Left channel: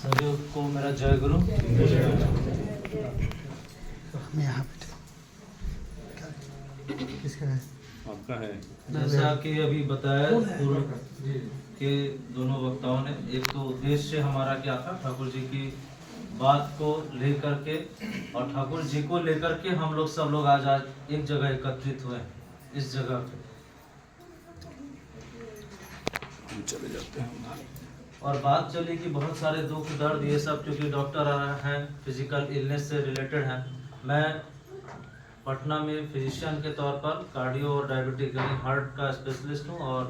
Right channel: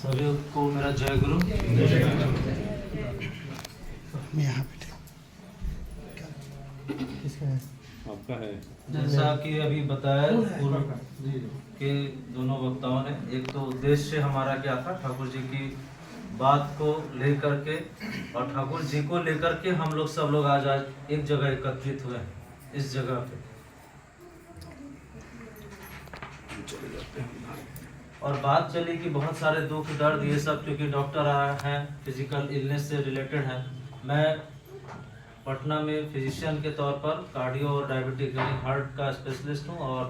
सभी को मेरा जय गुरु। यहाँ बैठे किसका है? आपका है। जैसा कि अभी बताया पूर्व के दोनों वक्ताओं ने, एक तो उद्देश्य हमारा क्या था, ठाकुर जी की बात को लेकर के और ठाकुर जी को लेकर के हम लोग सब लोग आज एक जगह एकत्रित हुए हैं, इस जगह पे। चले जाते हैं। और बात चली कि बहुत सारे दुख दर्द ये सब, क्योंकि डॉक्टर हैं, फिजिकल इलनेस से रिलेटेड हैं। मैं पटना में फिजिशियन के तौर पर कार्डियो और डायबिटिक यानी हार्ट का स्पेशलिस्ट हूँ, और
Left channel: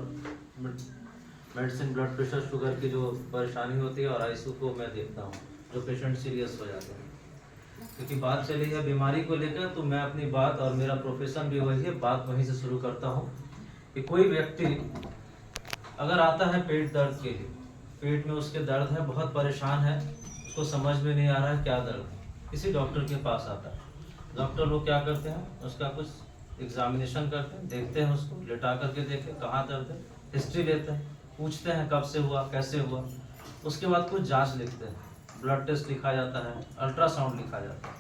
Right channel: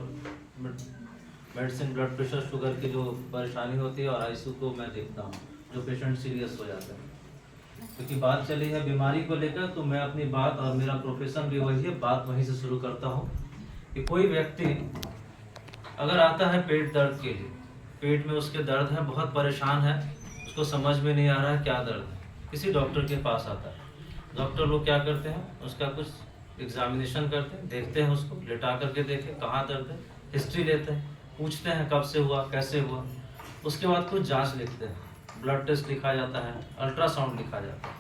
मेडिसिन ब्लड प्रेशर शुगर की जो परेशानी होती है और आईसीयू को मैं देखता हूँ, जो पेशेंट सीरियस हो जाते हैं। क्योंकि बात चली है बीमारी को लेकर, तो मैं अपनी बात, और मेरा प्रोफेशन भी वही है, बात वहीं से शुरू करता हूँ कि कोई व्यक्ति अगर आता है पेट दर्द के लिए, पेट में उसके दर्द है, बहुत परेशान है, उसको समझ में नहीं आ रहा है क्या दर्द है, किसी डॉक्टर के पास आता है। डॉक्टर लोग क्या करते हैं, उसका कुछ एग्जामिनेशन करते हैं, देखते हैं, उसको लेटा करके देखें कहाँ दर्द है, हिस्ट्री लेते हैं, पूछते हैं कब से हुआ, कैसे हुआ, उसके बाद कुछ जांच लिखते हैं, ब्लड टेस्ट लिखा जाता है, अल्ट्रासाउंड लिखा जाता है।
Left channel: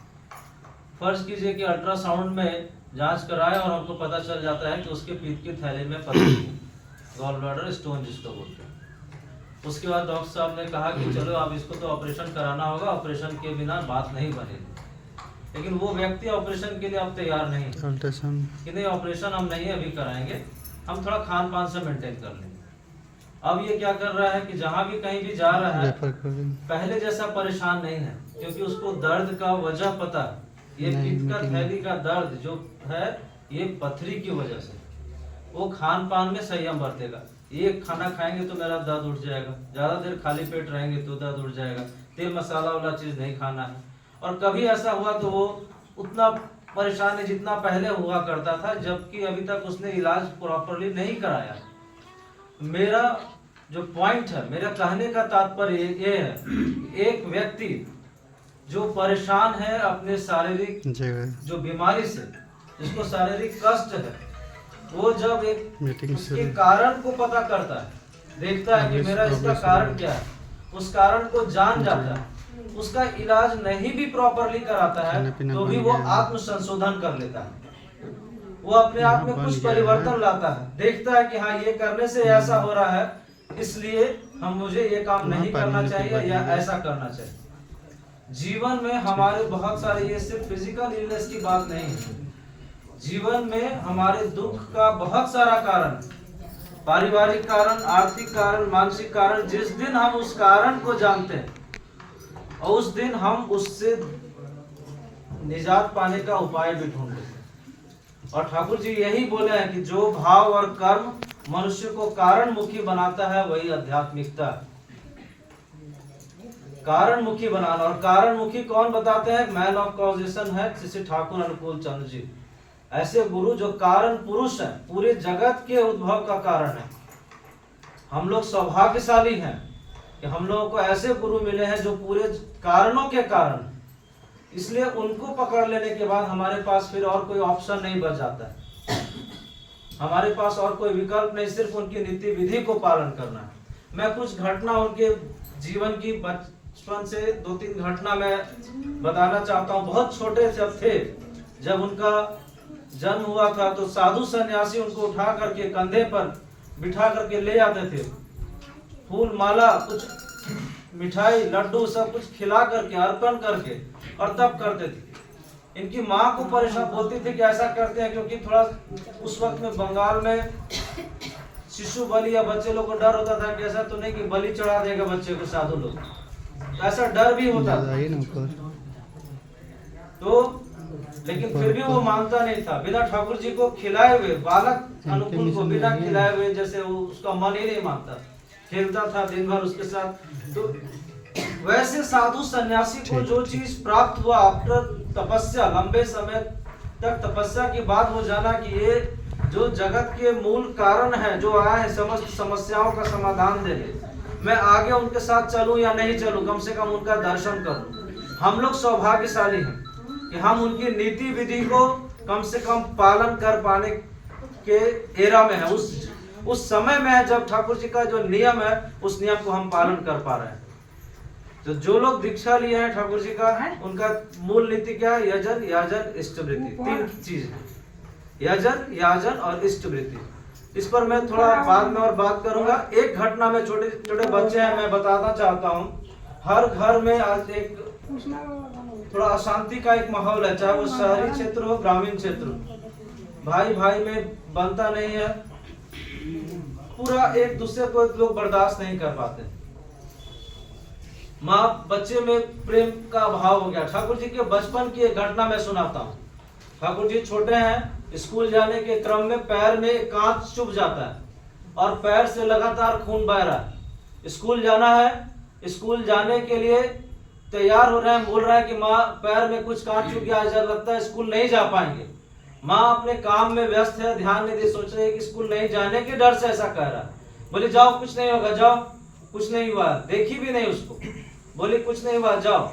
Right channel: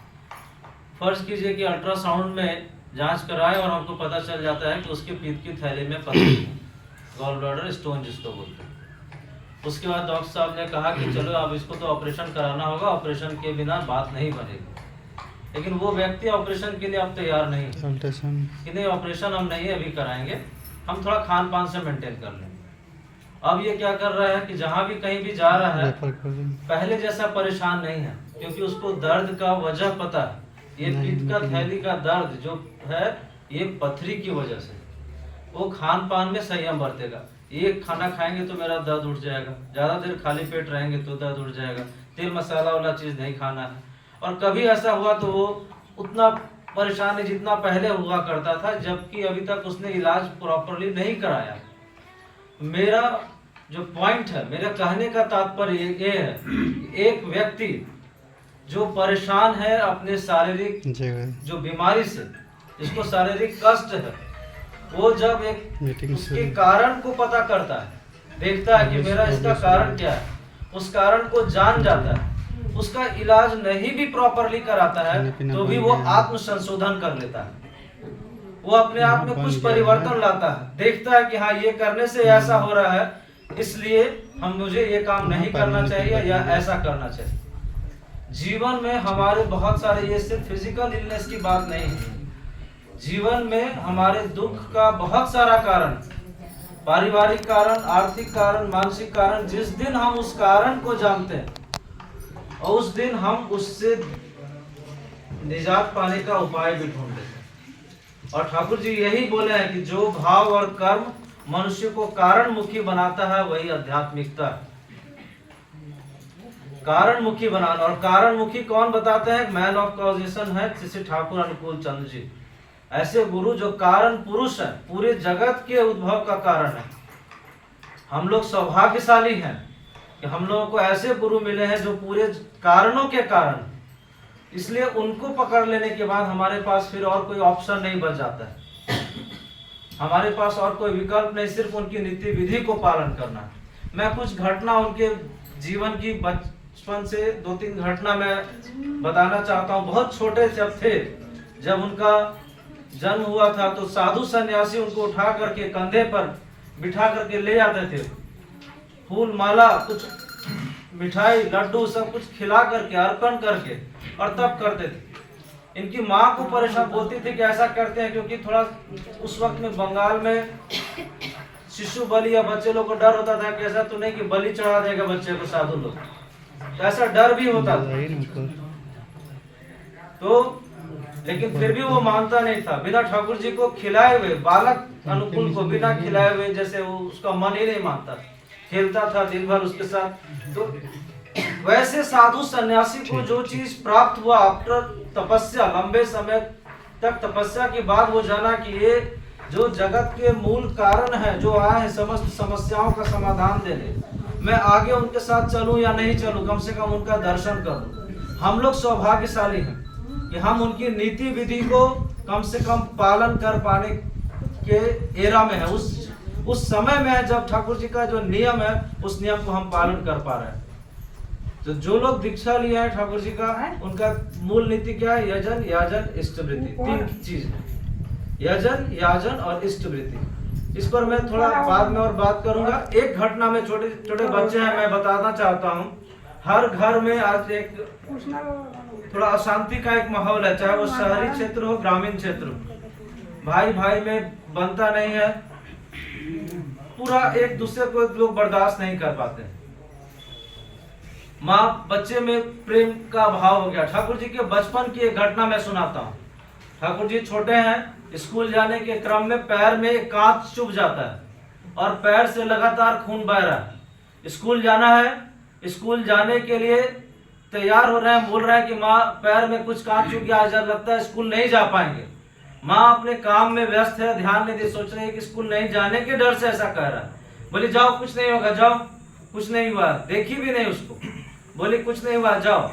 फर्ज कीजिए कि अल्ट्रासाउंड में जांच कराए और हमको पता चल जाता है कि उसके पीत की थैली में पथरी, गॉल ब्लैडर स्टोन जिसको बोलते हैं। उसके बाद डॉक्टर साहब ने कहा कि चलो अब इसको तो ऑपरेशन कराना होगा, ऑपरेशन के बिना बात नहीं बनेगी। लेकिन वो व्यक्ति ऑपरेशन के लिए अब तैयार नहीं है कि नहीं, ऑपरेशन हम नहीं अभी कराएंगे, हम थोड़ा खान पान से मेंटेन कर लेंगे। अब ये क्या कर रहा है कि जहाँ भी कहीं भी जा रहा है, पहले जैसा परेशान नहीं है, क्योंकि उसको दर्द का वजह पता है। ये पीत का थैली का दर्द जो है, ये पथरी की वजह से। वो खान पान में संयम बरतेगा, एक खाना खाएंगे तो मेरा दर्द उठ जाएगा, ज्यादा देर खाली पेट रहेंगे तो दर्द उठ जाएगा, तेल मसाला वाला चीज नहीं खाना है। और कभी ऐसा हुआ तो वो उतना परेशान है जितना पहले हुआ करता था, जबकि अभी तक उसने इलाज प्रॉपरली नहीं कराया। मेरा जो पॉइंट है, मेरा कहने का तात्पर्य ये है, एक व्यक्ति जो परेशान है अपने शारीरिक जो बीमारी से, जिसको शारीरिक कष्ट है, वो जब एक उसके कारण को पता करता है, देखता है कि मेरा इसका कारण क्या है, उस कारण को जान जाता है, उसका इलाज नहीं भी प्रॉपरली कराता है तो भी वो आत्म संशोधन कर लेता है, वो अपने आप में कुछ परिवर्तन लाता है, देखता है कि हाँ ये करने से ऐसा हो रहा है, इसलिए मुझे ये काम नहीं करना चाहिए या ऐसा करना चाहिए। जीवन में हमारे बहुत सारे, ये सिर्फ फिजिकल इलनेस की बात नहीं है, जीवन में हमारे दुख का बहुत सारा कारण, पारिवारिक कारण, आर्थिक कारण, मानसिक कारण, जिस दिन हम उस कारण को जानते हैं और उस दिन हम उससे निजात पाने का उपाय भी ढूंढ लेते हैं। और ठाकुर जी यही बोले हैं कि जो भाव और कर्म मनुष्य को कारण मुखी बनाता है वही आध्यात्मिकता है। कारण मुखी बनाना, और कारण मुखी कौन बताते हैं, मैन ऑफ कॉजेशन है श्री ठाकुर अनुकूल चंद्र जी। ऐसे गुरु जो कारण पुरुष है, पूरे जगत के उद्भव का कारण है। हम लोग सौभाग्यशाली हैं कि हम लोगों को ऐसे गुरु मिले हैं जो पूरे कारणों के कारण, इसलिए उनको पकड़ लेने के बाद हमारे पास फिर और कोई ऑप्शन नहीं बच जाता है, हमारे पास और कोई विकल्प नहीं, सिर्फ उनकी नीति विधि को पालन करना है। मैं कुछ घटना उनके जीवन की, बचपन से 2-3 घटना मैं बताना चाहता हूँ। बहुत छोटे जब थे, जब उनका जन्म हुआ था, तो साधु सन्यासी उनको उठा करके कंधे पर बिठा करके ले जाते थे, फूल माला, कुछ मिठाई, लड्डू सब कुछ खिला करके, अर्पण करके, और तब करते थे। इनकी माँ को परेशान बोलती थी कि ऐसा करते हैं क्योंकि थोड़ा उस वक्त में बंगाल में शिशु बलि या बच्चे लोग को डर होता था कि ऐसा तो नहीं कि बलि चढ़ा देगा बच्चे को साधु लोग, तो ऐसा डर भी होता था। तो लेकिन फिर भी वो मानता नहीं था, बिना ठाकुर जी को खिलाए हुए, बालक अनुकूल को बिना खिलाए हुए, जैसे वो उसका मन ही नहीं मानता, खेलता था दिन भर उसके साथ। तो वैसे साधु सन्यासी को जो चीज प्राप्त हुआ आफ्टर तपस्या, लंबे समय तक तपस्या के बाद, वो जाना कि ये जो जगत के मूल कारण है, जो आया है समस्त समस्याओं का समाधान देने, मैं आगे उनके साथ चलूं या नहीं चलूं, कम से कम उनका दर्शन करूं। हम लोग सौभाग्यशाली हैं कि हम उनकी नीति विधि को कम से कम पालन कर पाने के एरा में है, उस समय में है जब ठाकुर जी का जो नियम है, उस नियम को हम पालन कर पा रहे हैं। तो जो लोग दीक्षा लिए हैं ठाकुर जी का, उनका मूल नीति क्या है? यजन, याजन, इष्टवृत्ति, 3 चीज है। यजन, याजन और इष्टवृत्ति। इस पर मैं थोड़ा बाद में और बात करूंगा। एक घटना में, छोटे छोटे बच्चे हैं, मैं बताना चाहता हूँ। हर घर में आज एक थोड़ा अशांति का एक माहौल है, चाहे वो शहरी क्षेत्र हो, ग्रामीण क्षेत्र हो। भाई भाई में बनता नहीं है, पूरा एक दूसरे को लोग बर्दाश्त नहीं कर पाते। माँ बच्चे में प्रेम का अभाव हो गया। ठाकुर जी के बचपन की एक घटना मैं सुनाता हूँ। ठाकुर जी छोटे हैं, स्कूल जाने के क्रम में पैर में कांच चुभ जाता है और पैर से लगातार खून बह रहा है। स्कूल जाना है, स्कूल जाने के लिए तैयार हो रहे हैं, बोल रहे हैं कि माँ पैर में कुछ कांच चुभ गया, आज लगता है स्कूल नहीं जा पाएंगे। माँ अपने काम में व्यस्त है, ध्यान नहीं दे, सोच रही है कि स्कूल नहीं जाने के डर से ऐसा कह रहा है। बोली जाओ, कुछ नहीं होगा, जाओ। कुछ नहीं हुआ, देखी भी नहीं उसको, बोली कुछ नहीं हुआ, जाओ।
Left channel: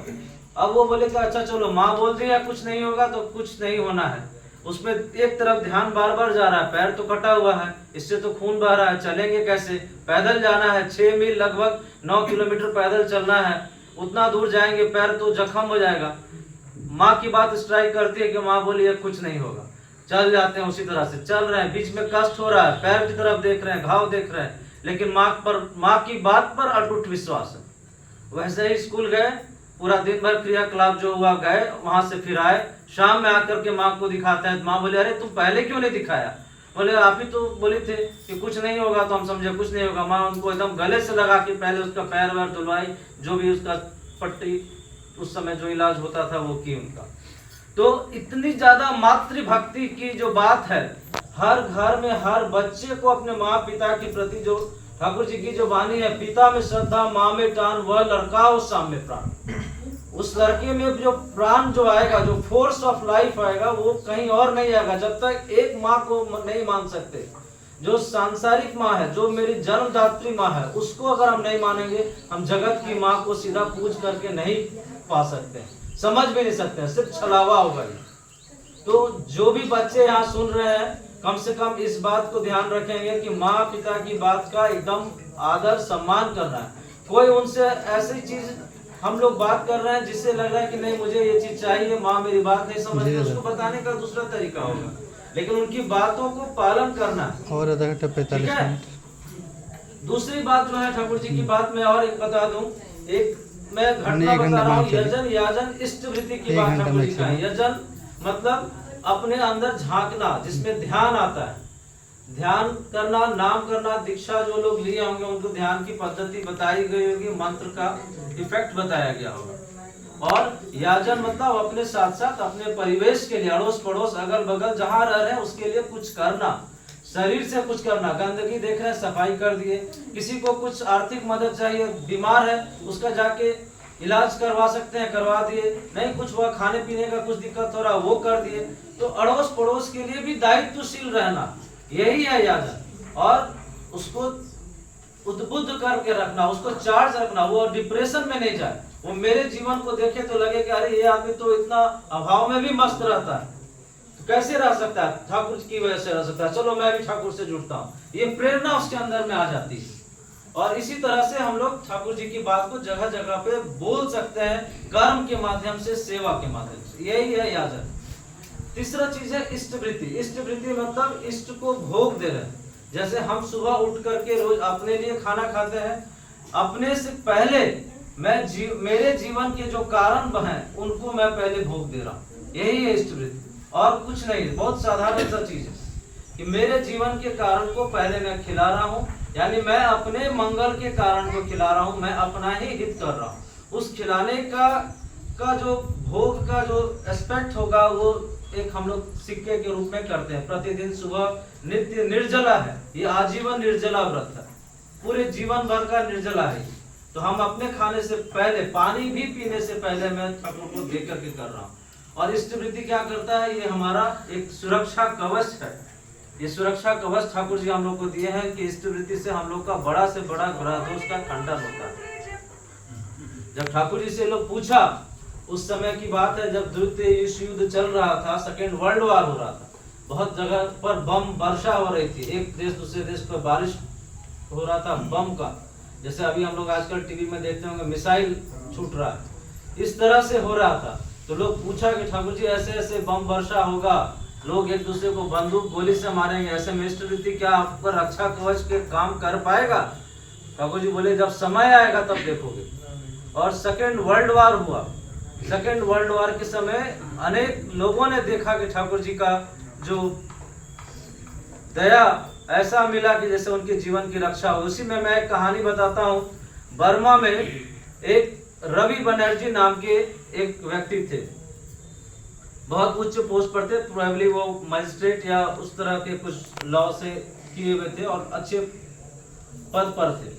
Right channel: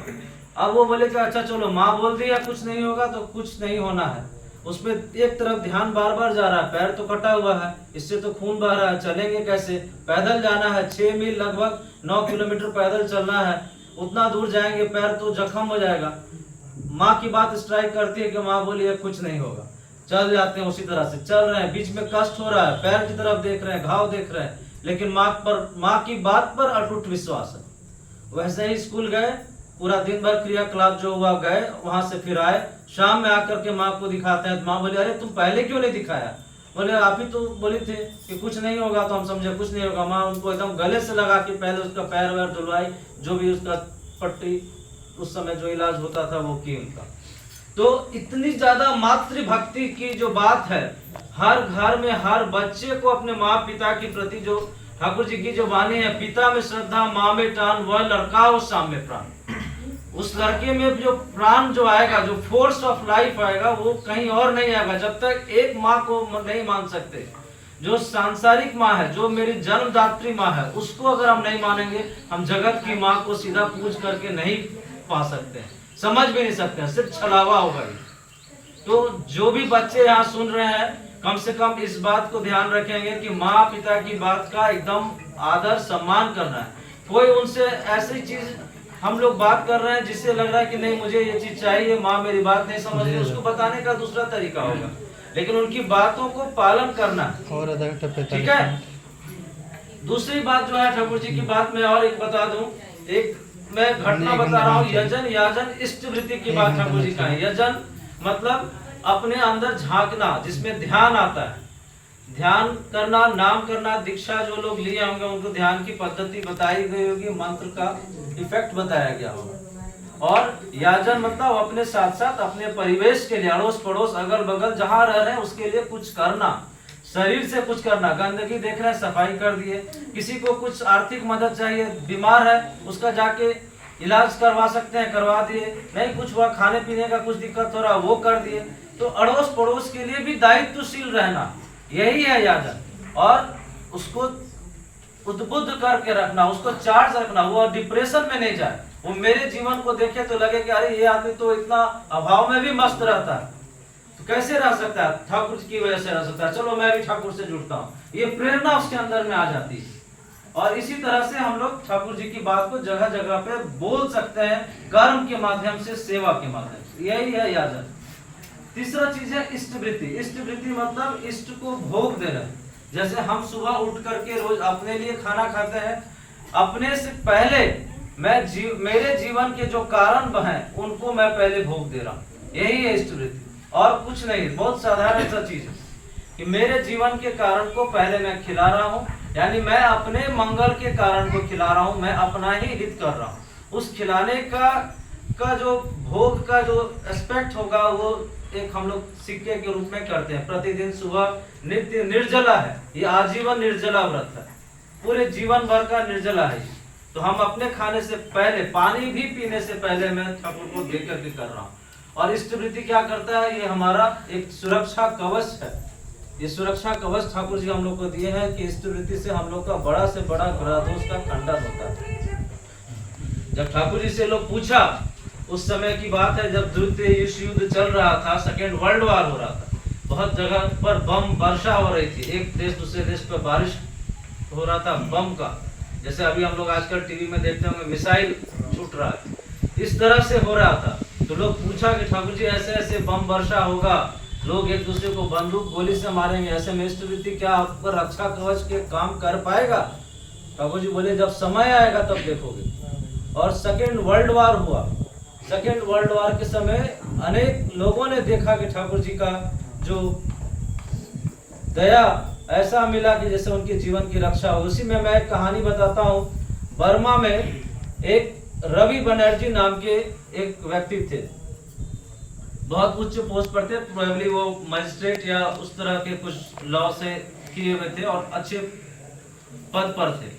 अब वो बोले कि अच्छा चलो, माँ बोल दी है कुछ नहीं होगा तो कुछ नहीं होना है। उसमें एक तरफ ध्यान बार बार जा रहा है, पैर तो कटा हुआ है, इससे तो खून बह रहा है, चलेंगे कैसे? पैदल जाना है, 6 मील लगभग 9 किलोमीटर पैदल चलना है, उतना दूर जाएंगे, पैर तो जख्म हो जाएगा। माँ की बात स्ट्राइक करती है कि माँ बोली है कुछ नहीं होगा। चल जाते हैं, उसी तरह से चल रहे हैं, बीच में कष्ट हो रहा है, पैर की तरफ देख रहे हैं, घाव देख रहे हैं, लेकिन माँ की बात पर अटूट विश्वास है। वैसे ही स्कूल गए, पूरा दिन भर क्रियाकलाप जो हुआ, गए वहां से फिर आए, शाम में आकर के माँ को दिखाते हैं। माँ बोले अरे तुम पहले क्यों नहीं दिखाया? बोले आप ही तो बोली थे कि कुछ नहीं होगा, तो हम समझे कुछ नहीं होगा। माँ उनको एकदम गले से लगा के पहले उसका पैर वैर धुलवाई, जो भी उसका पट्टी उस समय जो इलाज होता था वो की उनका। तो इतनी ज्यादा मातृभक्ति की जो बात है, हर घर में हर बच्चे को अपने माँ पिता के प्रति जो ठाकुर जी की जो वाणी है, पिता में श्रद्धा माँ में टान, वह लड़का उस शाम में प्राण। उस लड़के में जो प्राण जो आएगा, जो फोर्स ऑफ लाइफ आएगा, वो कहीं और नहीं आएगा। जब तक एक माँ को नहीं मान सकते, जो सांसारिक माँ है, जो मेरी जन्मदात्री माँ है, उसको अगर हम नहीं मानेंगे, हम जगत की माँ को सीधा पूज करके नहीं पा सकते, समझ भी नहीं सकते, सिर्फ छलावा होगा। तो जो भी बच्चे यहाँ सुन रहे हैं, कम से कम इस बात को ध्यान रखेंगे कि माँ पिता की बात का एकदम आदर सम्मान करना है। कोई उनसे ऐसी चीज हम लोग बात कर रहे हैं जिससे लग रहा है कि नहीं मुझे ये चीज चाहिए, माँ मेरी बात नहीं समझ रही, उसको बताने का दूसरा तरीका होगा, लेकिन उनकी बातों को पालन करना और ठीक है। दूसरी बात जो है ठाकुर जी की बात में और एक बता दूं, एक मैं घटना बता रहा हूँ। यजन, याजन, इष्टवृत्ति की बात ठाकुर जी का है। यजन मतलब अपने अंदर झांकना, जिसमें ध्यान आता है, ध्यान करना, नाम करना। दीक्षा जो लोग लिए होंगे उनको ध्यान की पद्धति बताई गई होगी, मंत्र का इफेक्ट बताया गया होगा। और याजन मतलब अपने साथ साथ अपने परिवेश के लिए, अड़ोस पड़ोस अगल बगल जहाँ रह रहे हैं उसके लिए कुछ करना, शरीर से कुछ करना। गंदगी देख रहे हैं, सफाई कर दिए। किसी को कुछ आर्थिक मदद चाहिए, बीमार है, उसका जाके इलाज करवा सकते हैं, करवा दिए। नहीं कुछ हुआ, खाने पीने का कुछ दिक्कत हो रहा, वो कर दिए। तो अड़ोस पड़ोस के लिए भी दायित्वशील रहना, यही है याजन। और उसको उद्बुद्ध करके रखना, उसको चार्ज रखना, वो डिप्रेशन में नहीं जाए। वो मेरे जीवन को देखे तो लगे कि अरे ये आदमी तो इतना अभाव में भी मस्त रहता है, तो कैसे रह सकता है? ठाकुर की वजह से रह सकता है, चलो मैं भी ठाकुर से जुड़ता हूँ। ये प्रेरणा उसके अंदर में आ जाती है। और इसी तरह से हम लोग ठाकुर जी की बात को जगह जगह पे बोल सकते हैं, कर्म के माध्यम से, सेवा के माध्यम से। यही है याजन। तीसरा चीज है इष्टवृत्ति। इष्टवृत्ति मतलब इष्ट को भोग देना। जैसे हम सुबह उठ करके रोज अपने लिए खाना खाते हैं, अपने से पहले मेरे जीवन के जो कारण हैं उनको मैं पहले भोग दे रहा हूँ, यही है इष्टवृत्ति। और कुछ नहीं, बहुत साधारण सा चीज है कि मेरे जीवन के कारण को पहले मैं खिला रहा हूँ, यानी मैं अपने मंगल के कारण को खिला रहा हूँ, मैं अपना ही हित कर रहा हूँ। उस खिलाने का जो भोग का जो एस्पेक्ट होगा, वो एक हम लोग सिक्के के रूप में करते हैं। प्रतिदिन सुबह नित्य निर्जला है, ये आजीवन निर्जला व्रत है, पूरे जीवन भर का निर्जला है। तो हम अपने खाने से पहले, पानी भी पीने से पहले मैं ठाकुर को दे करके कर रहा हूँ। और इष्टवृत्ति क्या करता है? ये हमारा एक सुरक्षा कवच है। ये सुरक्षा कवच ठाकुर जी हम लोग को दिए हैं कि इष्टवृत्ति से हम लोग का बड़ा से बड़ा ग्रह दोष का खंडन होता है। जब ठाकुर जी से लोग पूछा, उस समय की बात है जब द्वितीय विश्व युद्ध चल रहा था, सेकेंड वर्ल्ड वॉर हो रहा था, बहुत जगह पर बम वर्षा हो रही थी, एक देश दूसरे देश पर बारिश हो रहा था बम का। जैसे अभी हम लोग आजकल टीवी में देखते होंगे मिसाइल छूट रहा है। इस तरह से हो रहा था। तो लोग पूछा कि ठाकुर जी ऐसे ऐसे बम वर्षा होगा, लोग एक दूसरे को बंदूक गोली से मारेंगे, ऐसे में इष्ट वृत्ति क्या आप पर रक्षा कवच के काम कर पाएगा? ठाकुर जी बोले जब समय आएगा तब देखोगे। और सेकेंड वर्ल्ड वार हुआ। सेकेंड वर्ल्ड वार के समय अनेक लोगों ने देखा कि ठाकुर जी का जो दया ऐसा मिला कि जैसे उनके जीवन की रक्षा हो। उसी में मैं एक कहानी बताता हूँ। बर्मा में एक रवि बनर्जी नाम के एक व्यक्ति थे, बहुत उच्च पोस्ट पर थे, प्रोबेबली वो मजिस्ट्रेट या उस तरह के कुछ लॉ से किए हुए थे और अच्छे पद पर थे।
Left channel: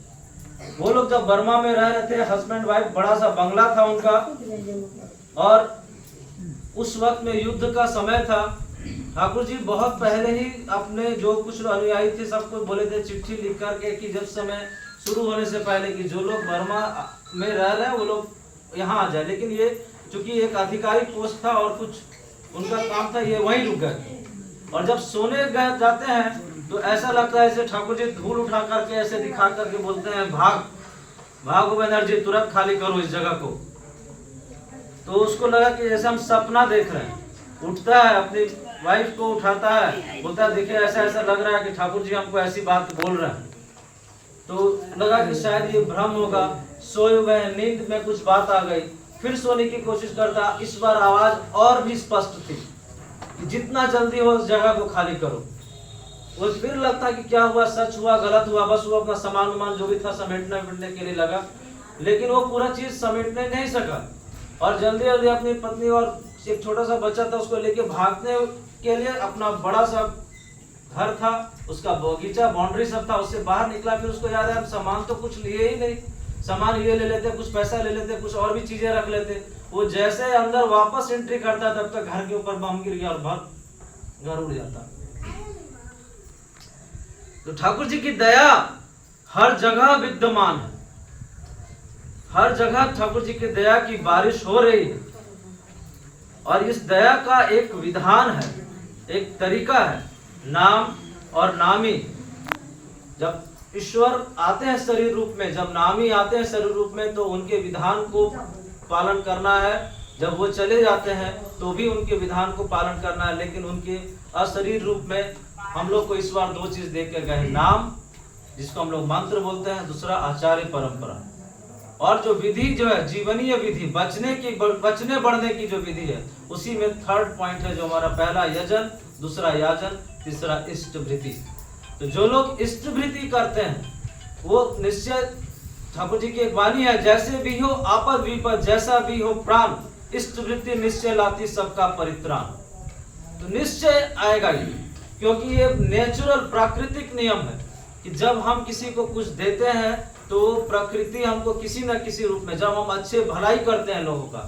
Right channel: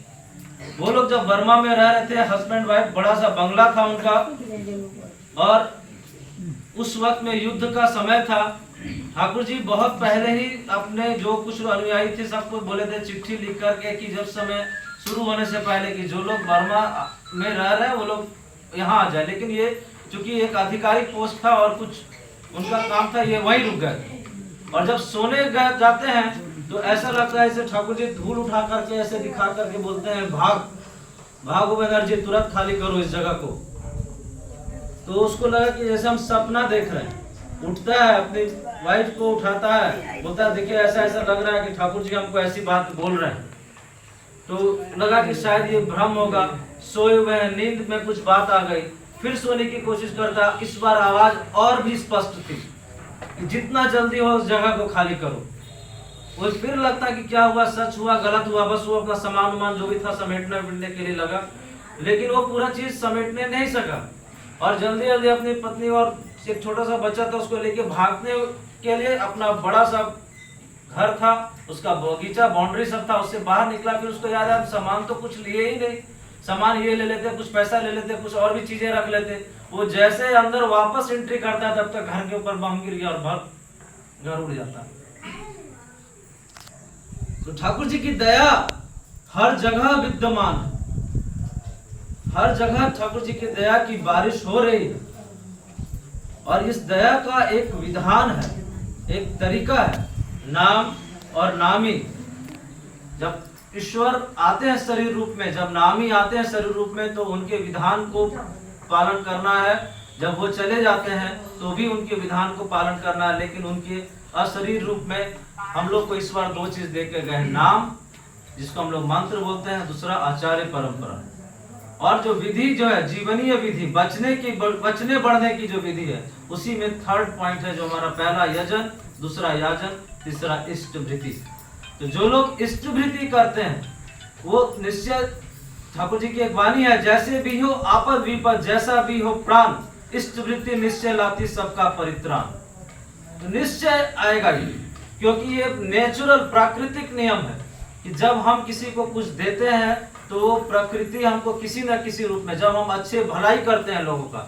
वो लोग जब बर्मा में रह रहे थे, हस्बैंड वाइफ, बड़ा सा बंगला था उनका, और उस वक्त में युद्ध का समय था। ठाकुर जी बहुत पहले ही अपने जो कुछ अनुयायी थे सबको बोले थे चिट्ठी लिख करके कि जब समय शुरू होने से पहले कि जो लोग बर्मा में रह रहे हैं वो लोग यहाँ आ जाए। लेकिन ये चूंकि एक आधिकारिक पोस्ट था और कुछ उनका काम था, ये वहीं रुक गए। और जब सोने जाते हैं तो ऐसा लगता है जैसे ठाकुर जी धूल उठा करके ऐसे दिखा करके बोलते हैं भागो बनर्जी, तुरंत खाली करो इस जगह को। तो उसको लगा कि जैसे हम सपना देख रहे हैं। उठता है, अपनी वाइफ को उठाता है, बोलता है देखिए ऐसा ऐसा लग रहा है कि ठाकुर जी हमको ऐसी बात बोल रहे हैं। तो लगा कि शायद ये भ्रम होगा, सोए हुए हैं, नींद में कुछ बात आ गई। फिर सोने की कोशिश करता, इस बार आवाज और भी स्पष्ट थी कि जितना जल्दी हो उस जगह को खाली करो। वो फिर लगता कि क्या हुआ, सच हुआ, गलत हुआ, बस वो अपना सामान उमान जो भी था समेटने के लिए लगा, लेकिन वो पूरा चीज समेटने नहीं सका। और जल्दी जल्दी अपनी पत्नी और एक छोटा सा बच्चा था उसको लेके भागने के लिए, अपना बड़ा सा घर था, उसका बगीचा, बाउंड्री सब था, उससे बाहर निकला। फिर उसको याद है सामान तो कुछ लिए ही नहीं, सामान ये ले लेते, कुछ पैसा ले लेते, कुछ और भी चीजें रख लेते। वो जैसे अंदर वापस एंट्री करता तब तक घर के ऊपर बम गिर गया और घर उड़ जाता। तो ठाकुर जी की दया हर जगह विद्यमान है, हर जगह ठाकुर जी की दया की बारिश हो रही है। और इस दया का एक विधान है, एक तरीका है, नाम और नामी। जब ईश्वर आते हैं शरीर रूप में, जब नामी आते हैं शरीर रूप में, तो उनके विधान को पालन करना है। जब वो चले जाते हैं तो भी उनके विधान को पालन करना है। लेकिन उनके अशरीर रूप में हम लोग को ईश्वर दो चीज दे के गए, नाम जिसको हम लोग मंत्र बोलते हैं, दूसरा आचार्य परंपरा। और जो विधि जो है जीवनीय विधि, बचने बढ़ने की जो विधि है, उसी में थर्ड पॉइंट है जो हमारा पहला यजन, दूसरा याजन, तीसरा इष्ट वृत्ति। तो जो लोग इष्ट वृत्ति करते हैं वो निश्चय, ठाकुर जी की एक वाणी है, जैसे भी हो आपद विपद, जैसा भी हो प्राण, इष्ट वृत्ति निश्चय लाती सबका परित्राण। तो निश्चय आएगा ही, क्योंकि ये नेचुरल प्राकृतिक नियम है कि जब हम किसी को कुछ देते हैं तो वो प्रकृति हमको किसी न किसी रूप में, जब हम अच्छे भलाई करते हैं लोगों का,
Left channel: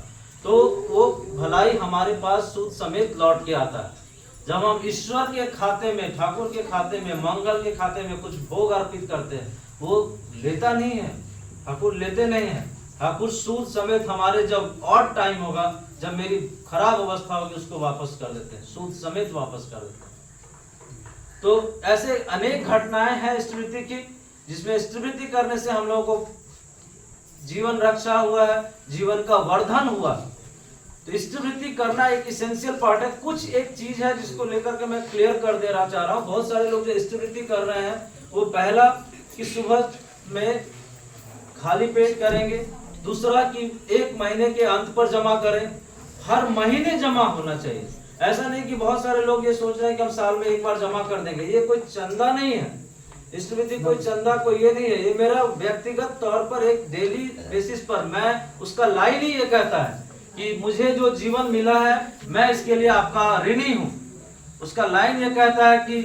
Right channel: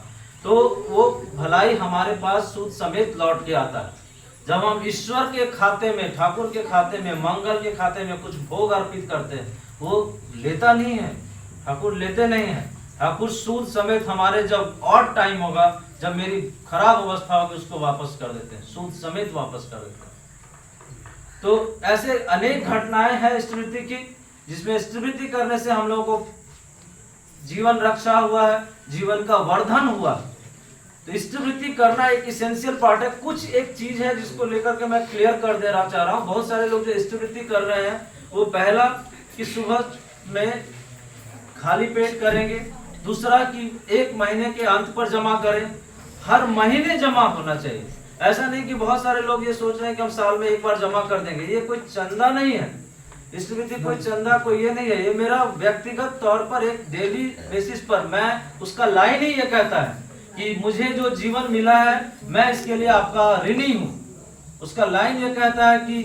तो वो भलाई हमारे पास सूद समेत लौट के आता है। जब हम ईश्वर के खाते में, ठाकुर के खाते में, मंगल के खाते में कुछ भोग अर्पित करते हैं, वो लेता नहीं है, ठाकुर लेते नहीं है। ठाकुर सूद समेत हमारे जब और टाइम होगा, जब मेरी खराब अवस्था होगी, उसको वापस कर देते हैं, सूद समेत वापस कर देते हैं। तो ऐसे अनेक घटनाएं हैं इष्टवृत्ति की, जिसमें इष्टवृत्ति करने से हम लोगों को जीवन रक्षा हुआ है, जीवन का वर्धन हुआ। तो इष्टवृत्ति करना एक इसेंशियल पार्ट है। कुछ एक चीज है जिसको लेकर के मैं क्लियर कर देना चाह रहा हूँ। बहुत सारे लोग जो इष्टवृत्ति कर रहे हैं, वो पहला कि सुबह में खाली पेट करेंगे, दूसरा कि 1 महीने के अंत पर जमा करें, हर महीने जमा होना चाहिए। ऐसा नहीं कि बहुत सारे लोग ये सोच रहे हैं कि हम साल में एक बार जमा कर देंगे, ये कोई चंदा नहीं है। इष्टवृत्ति कोई चंदा, कोई ये नहीं है, ये मेरा व्यक्तिगत तौर पर एक डेली बेसिस पर, मैं उसका लाइन ही ये कहता है कि मुझे जो जीवन मिला है मैं इसके लिए आपका ऋणी हूँ। उसका लाइन ये कहता है कि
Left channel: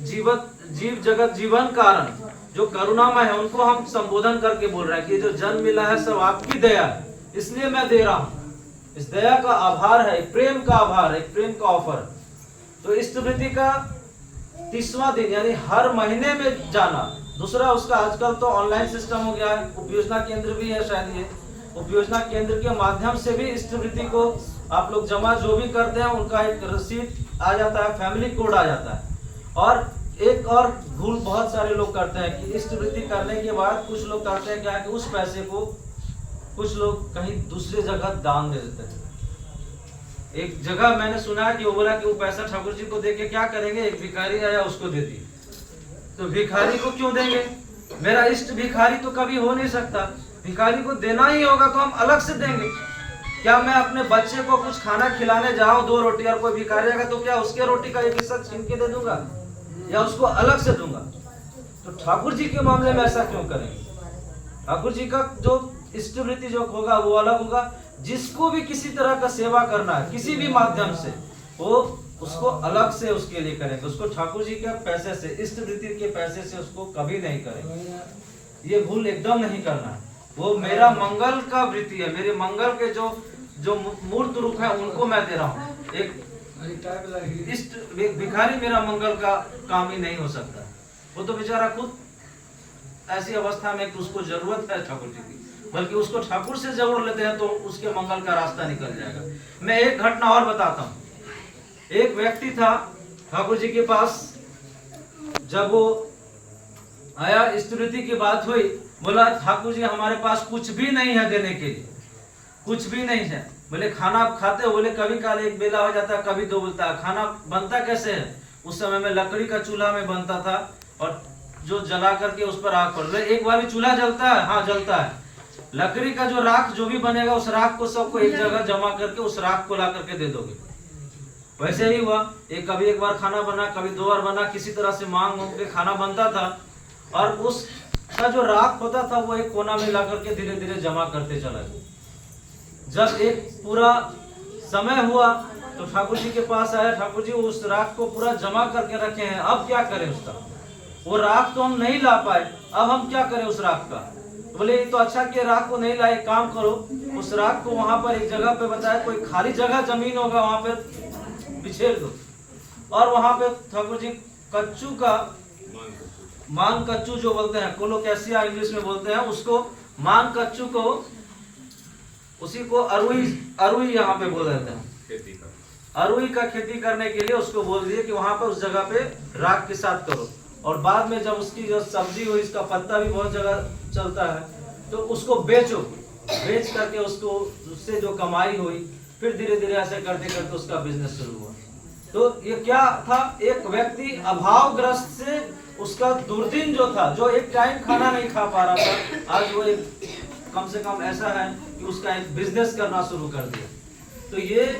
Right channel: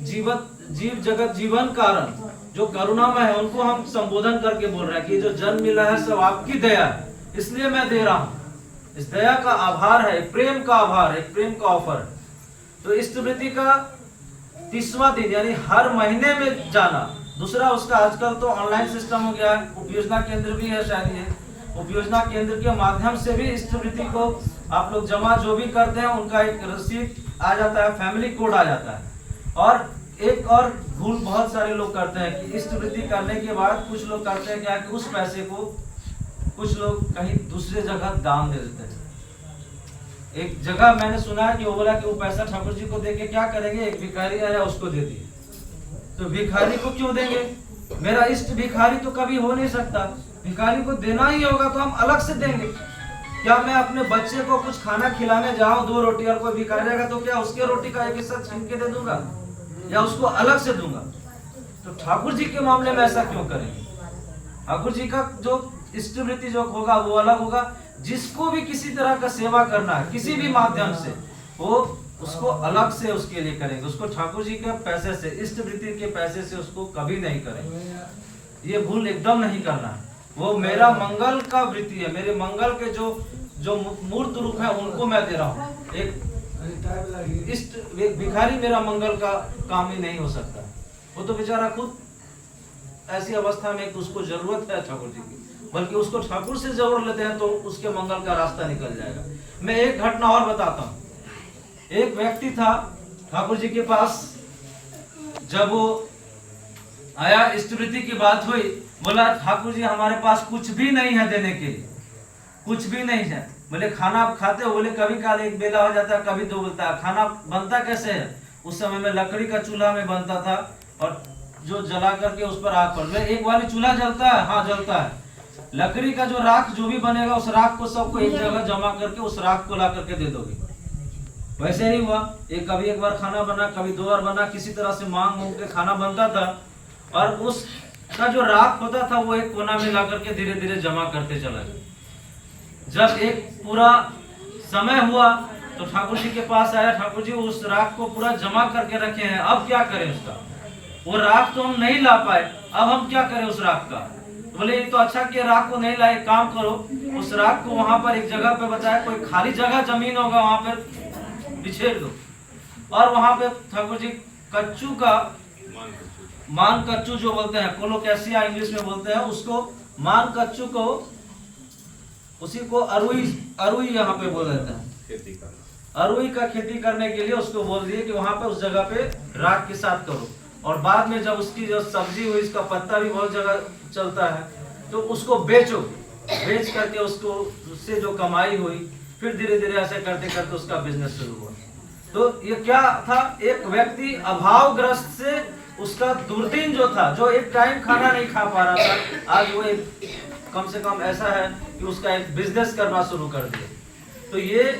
जीव जगत जीवन कारण जो करुणामय है, उनको हम संबोधन करके बोल रहे हैं कि जो जन्म मिला है सब आपकी दया है, इसलिए मैं दे रहा हूँ। इस दया का आभार है, प्रेम का आभार है, प्रेम का ऑफर। तो इष्टवृत्ति का 30वां दिन यानी हर महीने में जाना। दूसरा उसका आजकल तो ऑनलाइन सिस्टम हो गया है, उपयोजना केंद्र भी है शायद, ये उपयोजना केंद्र के माध्यम से भी इष्टवृत्ति को आप लोग जमा जो भी करते हैं उनका एक रसीद आ जाता है, फैमिली कोड आ जाता है। और एक और भूल बहुत सारे लोग करते हैं कि इष्टवृत्ति करने के बाद कुछ लोग करते हैं क्या कि उस पैसे को कुछ लोग कहीं दूसरे जगह दान दे देते हैं। एक जगह मैंने सुना है कि वो बोला कि वो पैसा ठाकुर जी को दे के क्या करेंगे, एक भिखारी आया उसको दे दिए। तो भिखारी को क्यों देंगे? मेरा इष्ट भिखारी तो कभी हो नहीं सकता, भिखारी को देना ही होगा तो हम अलग से देंगे। क्या मैं अपने बच्चे को कुछ खाना खिलाने जाऊं, 2 रोटी और कोई भिखारी आएगा तो क्या उसके रोटी का एक हिस्सा छीन के दे दूंगा या उसको अलग से दूंगा? तो ठाकुर जी के मामले में ऐसा क्यों करेंगे? ठाकुर जी का जो इष्टवृत्ति जो होगा वो अलग होगा। जिसको भी किसी तरह का सेवा करना है किसी भी माध्यम से, वो उसको अलग से उसके लिए करेंगे। उसको ठाकुर जी के पैसे से, इष्टवृत्ति के पैसे से उसको कभी नहीं करेंगे। ये भूल एकदम नहीं करना है। वो मेरा मंगल का वृत्ति है, मेरे मंगल के जो मूर्त रूप है उनको मैं दे रहा हूँ। एक इष्ट भिखारी मेरा मंगल का काम ही नहीं हो सकता। वो तो बेचारा खुद ऐसी अवस्था में कि उसको जरूरत है ठाकुर जी की, बल्कि उसको ठाकुर से जरूर लेते हैं तो उसके मंगल का रास्ता निकल जाएगा। मैं एक घटना और बताता हूँ। एक व्यक्ति था ठाकुर जी के पास, जब वो आया इष्टवृत्ति की बात हुई, बोला ठाकुर जी हमारे पास कुछ भी नहीं है देने के लिए, कुछ भी नहीं है। बोले खाना आप खाते हो? बोले कभी काल एक बेला हो जाता है, कभी 2 बोलता है। खाना बनता कैसे है? उस समय में लकड़ी का चूल्हा में बनता था और जो जला करके उस पर आग पड़। एक बार चूल्हा जलता है? हाँ जलता है। लकड़ी का जो राख जो भी बनेगा उस राख को सबको एक जगह जमा करके उस राख को ला करके दे दोगे। वैसे ही हुआ, कभी एक बार खाना बना, कभी 2 बार बना, किसी तरह से मांग के खाना बनता था और उसका जो राख होता था वो एक कोना में ला करके धीरे धीरे जमा करते चला गया। जब एक पूरा समय हुआ तो ठाकुर जी के पास आया, ठाकुर जी उस राख को पूरा जमा करके रखे हैं, अब क्या करें उसका? वो राख तो हम नहीं ला पाए, अब हम क्या करें उस राख का? तो बोले ये तो अच्छा कि राख को नहीं लाए, काम करो उस राख को वहां पर एक जगह पे बताया, कोई खाली जगह जमीन होगा वहां पर बिछेर दो। और वहां पे ठाकुर जी कच्चू का मान कच्चू जो बोलते हैं, कोलोकैसिया इंग्लिश में बोलते हैं उसको, मान कच्चू को, उसी को अरुई यहाँ पे बोल देते हैं। अरुई का खेती करने के लिए उसको बोल दिए कि वहां पे उस जगह पे राख के साथ करो। और बाद में जब उसकी जो सब्जी हुई, इसका पत्ता भी बहुत जगह चलता है, तो उसको बेचो, बेच करके उसको उससे जो कमाई हुई, फिर धीरे धीरे ऐसे करते करते उसका बिजनेस शुरू हुआ। तो ये क्या था? एक व्यक्ति अभावग्रस्त से उसका दुर्दिन जो था, जो एक टाइम खाना नहीं खा पा रहा था, आज वो एक कम से कम ऐसा है कि उसका एक बिजनेस करना शुरू कर दिया। तो ये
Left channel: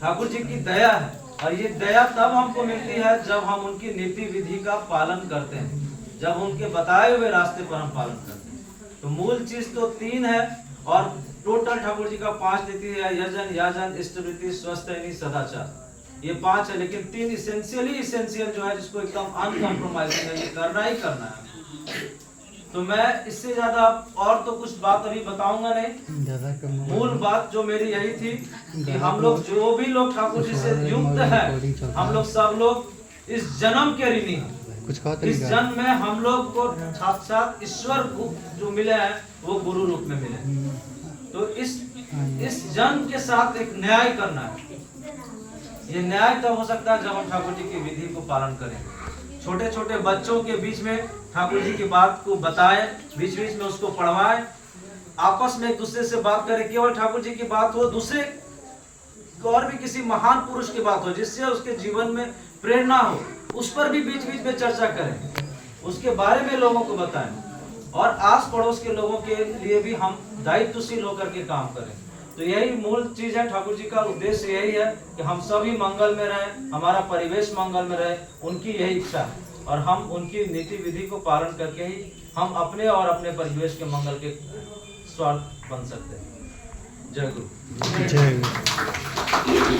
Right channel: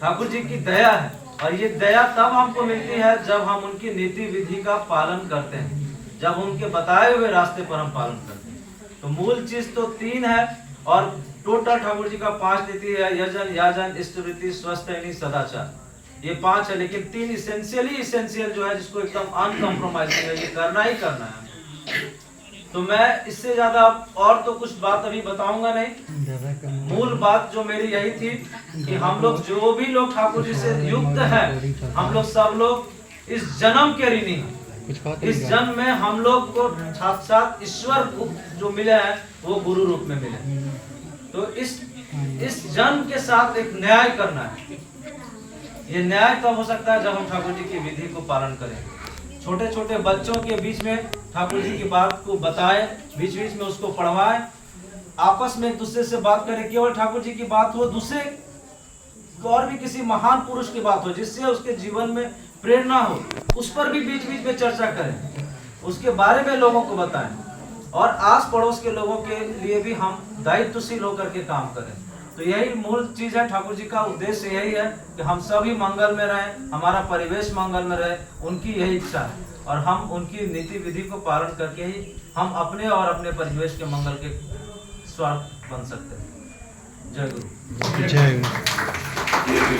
ठाकुर जी की दया है। और ये दया तब हमको मिलती है जब हम उनकी नीति विधि का पालन करते हैं, जब उनके बताए हुए रास्ते पर हम पालन करते हैं। तो मूल चीज तो 3 है और टोटल ठाकुर जी का 5 नीति है, यजन, याजन, इष्टवृत्ति, स्वस्थैनी, सदाचार। ये 5 है, लेकिन 3 इसेंशियल जो है, जिसको एकदम अनकम्प्रोमाइजिंग है, ये करना ही करना है। तो मैं इससे ज्यादा और तो कुछ बात अभी बताऊंगा नहीं। मूल बात जो मेरी यही थी कि हम लोग जो भी लोग ठाकुर जी से युक्त हैं, हम लोग सब लोग इस जन्म के ऋणी हैं। इस जन्म में हम लोग को साक्षात ईश्वर जो मिले हैं वो गुरु रूप में मिले। तो इस जन्म के साथ एक न्याय करना है। ये न्याय तब हो सकता है जब हम ठाकुर जी की विधि को पालन करेंगे। छोटे छोटे बच्चों के बीच में ठाकुर जी की बात को बताएं, बीच बीच में उसको पढ़वाएं, आपस में एक दूसरे से बात करें। केवल ठाकुर जी की बात हो, दूसरे और भी किसी महान पुरुष की बात हो जिससे उसके जीवन में प्रेरणा हो, उस पर भी बीच बीच में चर्चा करें, उसके बारे में लोगों को बताएं। और आस पड़ोस के लोगों के लिए भी हम दायित्वशील होकर के काम करें। तो यही मूल चीज है। ठाकुर जी का उद्देश्य यही है कि हम सभी मंगल में रहें, हमारा परिवेश मंगल में रहे, उनकी यही इच्छा है। और हम उनकी नीति विधि को पालन करके ही हम अपने और अपने परिवेश के मंगल के स्वार्थ बन सकते हैं। जय गुरु। जय गुरु।